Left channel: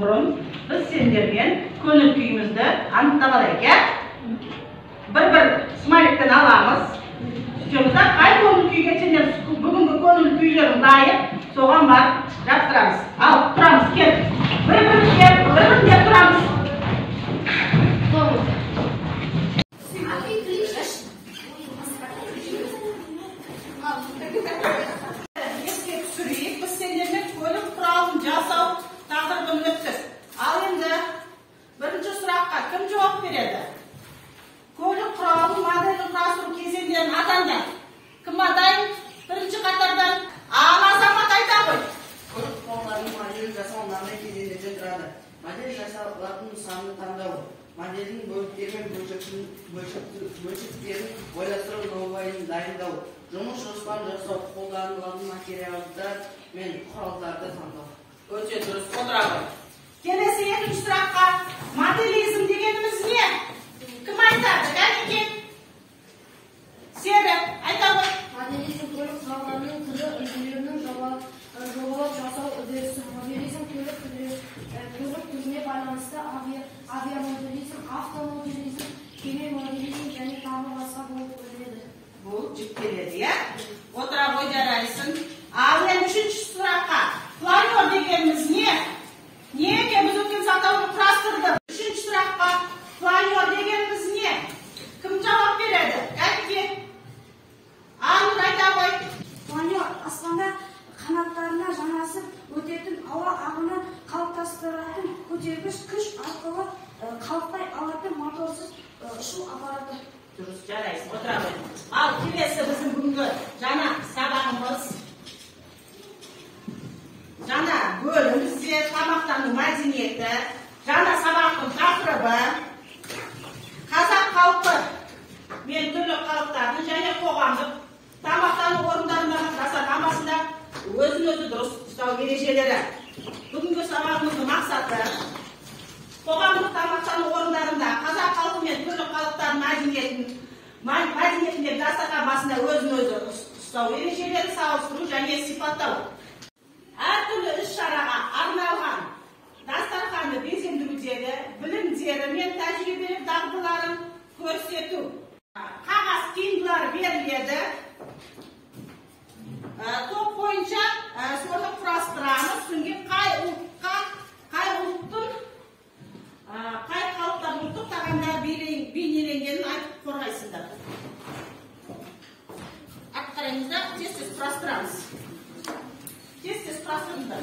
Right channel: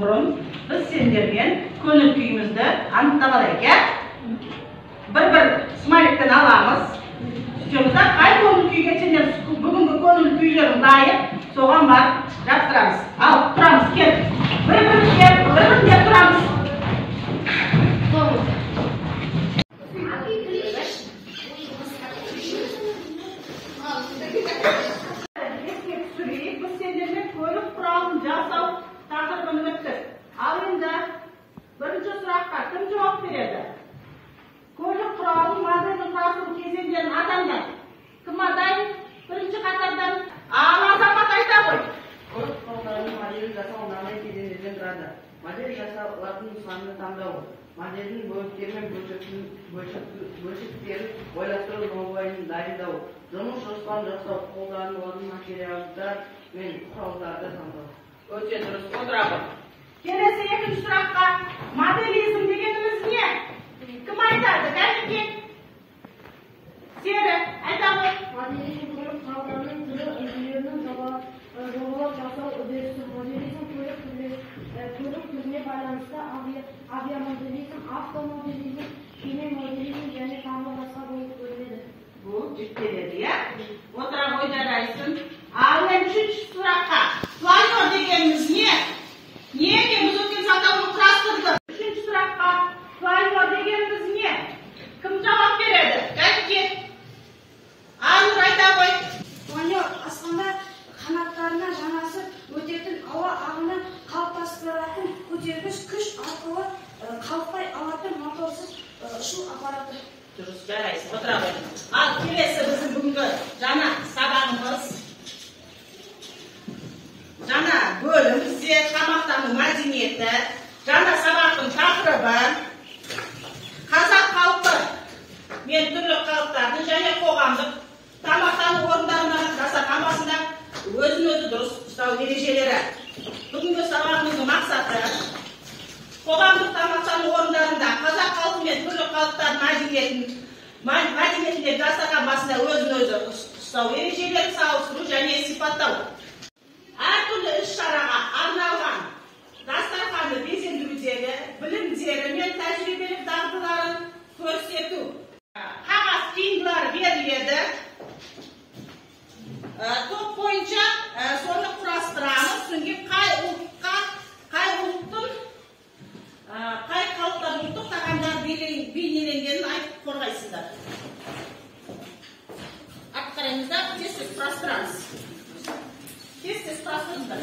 burun biz sendergen köngül kuyumuzdu anıtlap alayık. Bir smaylikten alamiz. Stüdyomuzda kay köngül kuy geçenden bugünkü köngül kuylaryň laýyk soğan bar yaptıramiz. Al turamiz kel. Bir dep turamiz. Birinci surakka kim cevap beredi? Köylük kuralın modelini kurasını kesenlerin atandan. Kim adayın? Birinci katardan. Azamat ayta koy. Köylük kurallarının modelini жасауынан kesenlerden тұрады. Модель жасалатын нысанды таңдау. Моделдің бөліктері мен бөлшектерін ойластыру нобайын дайындау. Жұмыс жоспарын жасау, қолданылатын материалдар мен құралдарды таңдау. Өте дұрыс, отырады. Келесі екінші сұраққа моделизм дегенimiz не? Кім айтады? Кәлеке? Сері, айта ғой. Моделизм көлік құралдарының түрі, үлгілерінің жобалап жасау үдерісі. Моделизм көлік түріне байланысты авиамоделизм, автомоделизм, кеме моделизм және тағы басқа болып бөлінеді. Бұл жіктеледі, иә? Отыра ғой жарайсың. Ал енді үшінші сұраққа планер дегенimiz не? Неге біз өткен сатауын құрастырдық? Үшінші сұраққа планер дегенimiz не? Кім жауап береді? Кәлке? Анық айта қой. Планер аспанда қанаттарына жанасып өтетін ауа ағыны қалыптастыратын көтергіш күш арқылы қалықтай алатын моторсыз ұшу аппараты. Дұрыс, жарайсың, отыра ғой. Ал келесі біздің бүгінгі жаңа сабағымыз. Жаңа бөлімізде тамақтану мәдениеті, жаңа сабақтың тақырыбы, қазақ халқы мен түрлі халықтардың және қоғамдық тамақтану орындарында жасаған басында өзін-өзі дұрыс ұстау ережелері. Бүгінгі сабағымыздың мақсаты қоғамдық тамақтану орындарында қазақ халқы мен түрлі халықтардың мәдениетіндегі дастархан басында өзін-өзі ұстау ережелерін салыстыру және сипаттау. Әртүрлі іс-шараға арналған дастарханды безендірудегі білімдері мен тәжірибелік дағдыларын көрсету. Қағаз қиындылар беріледі. Топ бойынша соны құрастырамыз. Соңғы қай халықтардың ұлттық тағамдар бейнеленгенін айтып қорғайсыздар. Артқа қараңыздар, тез құрастырамыз. Тез құрастырыңыздар.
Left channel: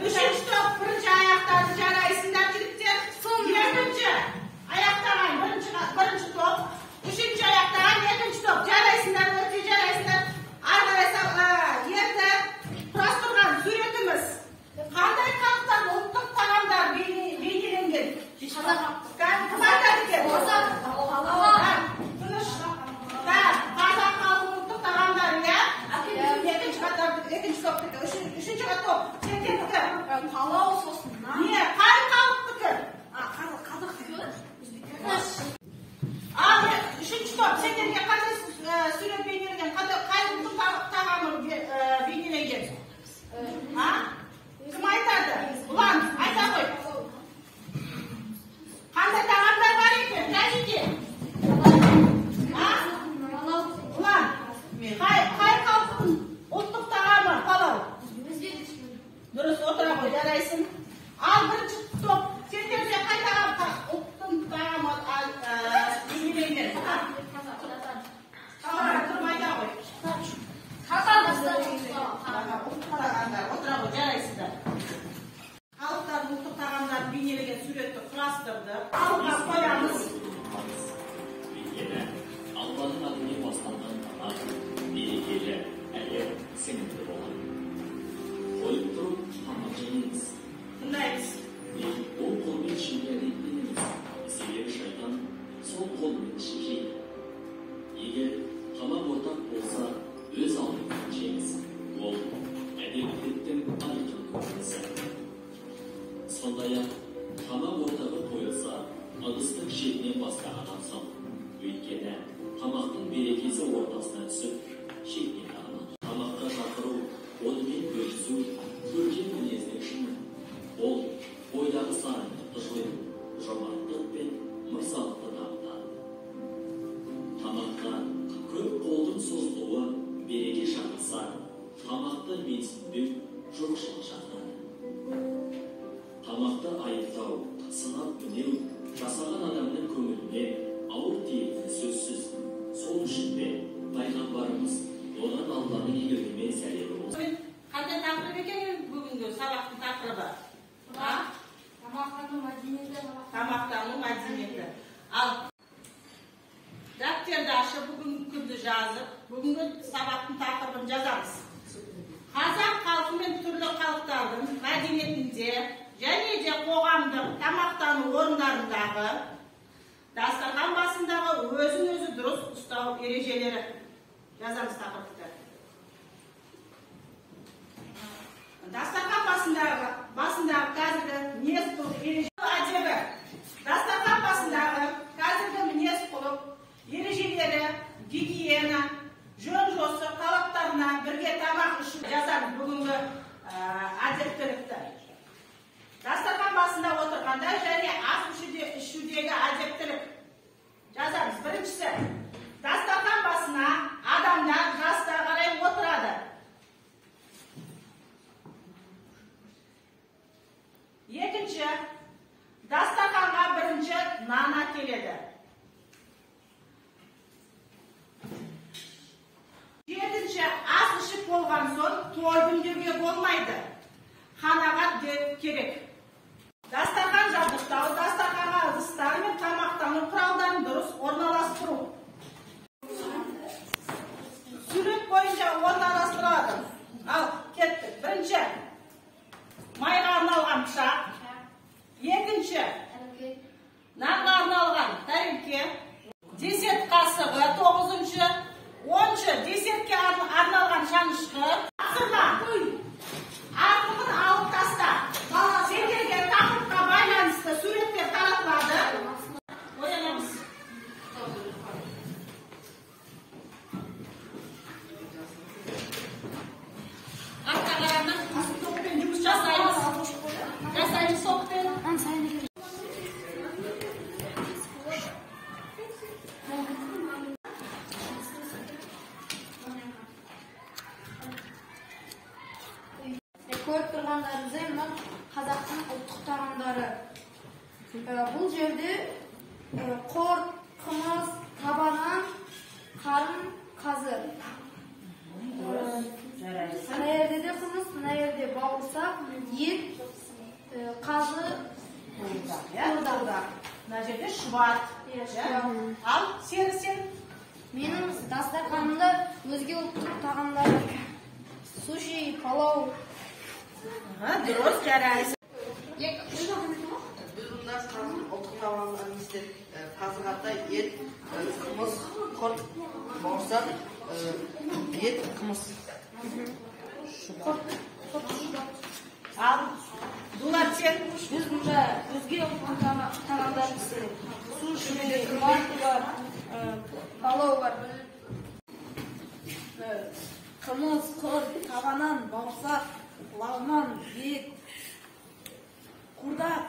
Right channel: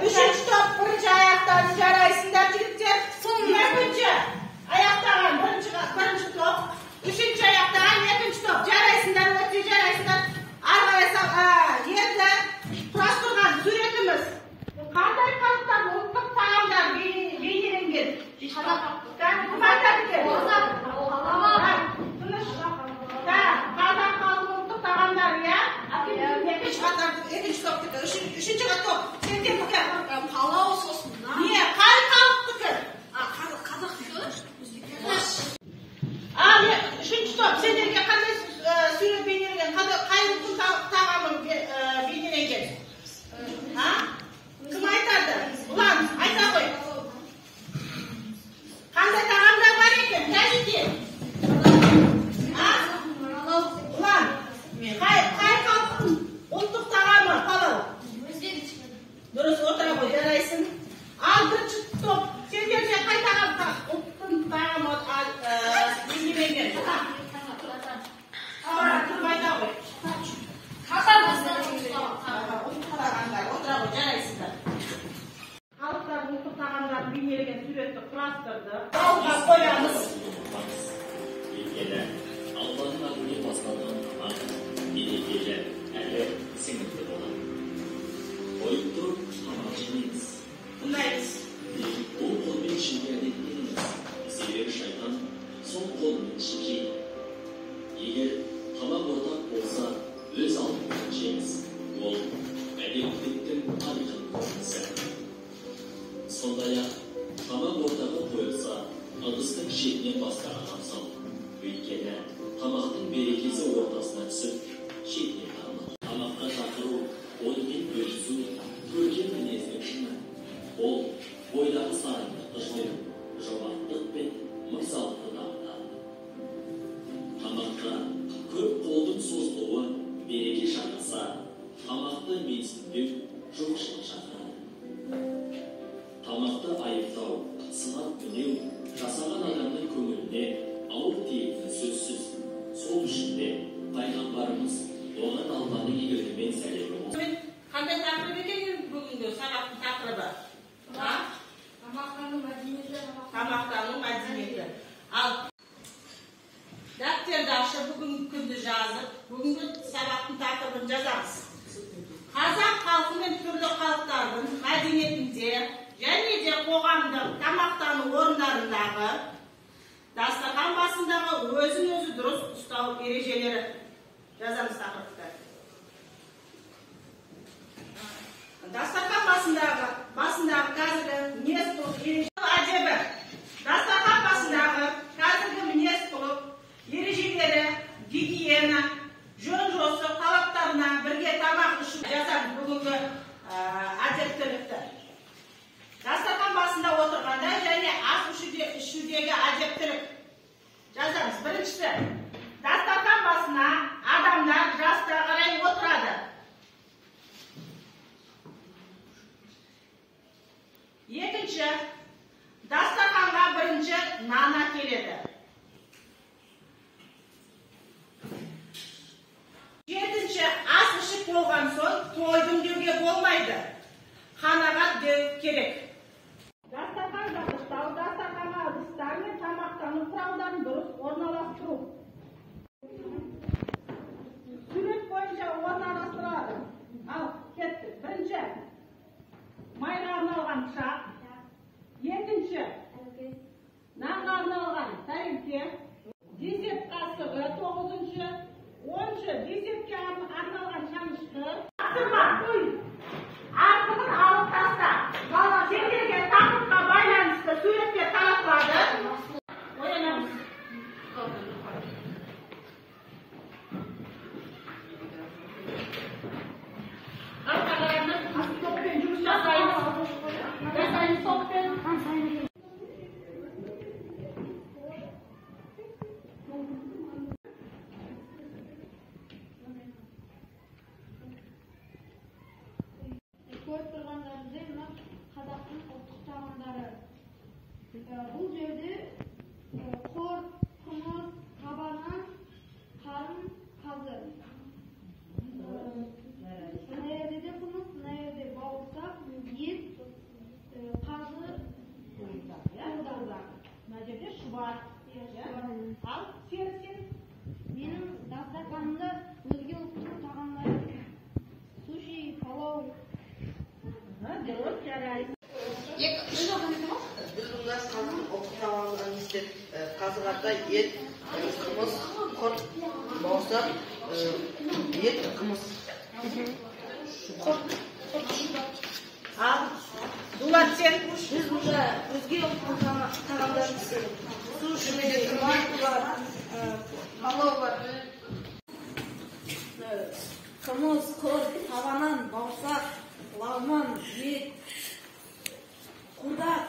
Үшінші топ бірінші аяқтарды жарайсыңдар, жігіттер. Екінші аяқтаған бірінші топ, үшінші аяқтаған екінші топ жарайсыңдар, өте жарайсыңдар. Енді құрастырған суретіміз қандай халықтар ұлттық тағамдар бейнеленген? Кім айтады екен? Қазақ халқының ұлттық тағамдары, иә? Екінші топтікі, үшінші топ. Палау сосын. Не, қай халықтікі? Қазақтікі? Ал, үшінші топ, сендерге қандай сурет бейнеленген, қай ұлттың тағамы бейнеленген? Кім айтады? Ұлан, айта қой. Қандай тағамдар бар екен? Кәлеке? Ұлан, қай халықтың ұлттық тағамы палау? Дұрыс, отыра ғой, жарайсың. Ал бірінші топ, сендерде қай тағам ұлттың тағамы бейнеленген? Тұрмайда ғой. Отыра ғой, жарайсыңдар. Халықтардың ұлттық тағамдарын бейнелеген суретті құрастырды. Алға қоямыз. Албанның адını басталған берекелі әрі сіңірді болады. Қойып тұрып тамақ жемейміз. Мұндаймыз. Ол қолмен ішінде әдеттенеміз. Себебі шайтан сол қолмен шекейді. Егер тамақ ортақ болса, өз алдымен жеңіз. Ол әдептіліктің тарихын көрінісі. Сондай-ақ тамақ ортағы қойылған шетінен бастаған абзал. Өйткені тамақтың берекесі ортасына түсіп, шетіне қарамады. Тамаққа шақыру, онымен бөлісу, көркем мінездің шыңы. Ол бойдағы сарындықты жою, жомарттық пен мырзалықты дамытады. Тамаққа көп қолдың созылуы береке шақырса, тамақты менсінбеу жоқшылық шақырады. Тамақты айыптау, сынап мінеу, жасаған адамның көңіліне ауыр тиетіні сөзсіз. Сол үшін де пайғамбарымыз оған Алланың игілігімен сәлемі болсын. Қандай тақырып екен бүгінгі сабақтың тақырыбы? Тамақтану мәдениеті. Тамақтану мәдениеті. Ал дәптерді ашып бүгінгі күнді жазып, бүгінгі сабақтың тақырыбын жазамыз. Қазақ халқы мен түрлі халықтардың мәдениетінде және де қоғамдық тамақтану орындарындағы дастархан басындағы өзін-өзі дұрыс ұстау ережелері жазамыз тақырыпты. Дастархан басындағы қазіргі мінез-құлық әдебі. Дастархан басындағы қазіргі мінез-құлық ережелері, гигиена, жөн-жосық талаптарына бірге тамақ ішу жазамыз бүгінгі әдептілікті. Дастархан басында отырғанда және ас ішудегі әдептілік жазамыз. Біріншісі, дастархан басына адамдар жасқа қарай отырады. Екінші, дастарханға бірінші нан әкеледі. Жетінші, ас ішіп болған соң тойдым деуге болмайды. Қанағат деу керек. Дастархан жабдықтау, дастарханға ыдыстар мен тамақтану құралдарын дұрыс орналастыру. Сурет бойынша орналастырылады. Ал, кеттік. Бірінші, майға арналған пышақ. Екінші, нанға арналған тәрелке. Десерт қасығы, 9-шы. 10-шы, десертке арналған шанышқы. Артығын алып таста. Сендерге тақырыпқа байланысты суреттер таратылады. Ойланамыз. Артқаларының топпен жұмыс жасаймыз. Жасаймыз топпен. Көріп тұрғандарыңыздай мына қазақтың ұлттық тағамдары. Бұл жерде құрт, қымыз, табанан, қарын, қазы. Мына жерде де қымыз, мына жерде бауырсақ, ет, қазы, Мына жерде шұбат. Ал, сен? Менің дастарханымда өзге ұлттық тағамдар. Суши, палау. Дұрыс, жарайсың. Biz bunlar okutamamızdan işte kazıkata et, kımız, kurt, bağırsak, et, kımız. Kurt. Al, Dullat sen. Biz burada özgür ұлттық тағамдар істедік. Суши, манго, палау бар. Қымыз, құрт, табанан, бауырсақ, лағман, ет, құрдақ.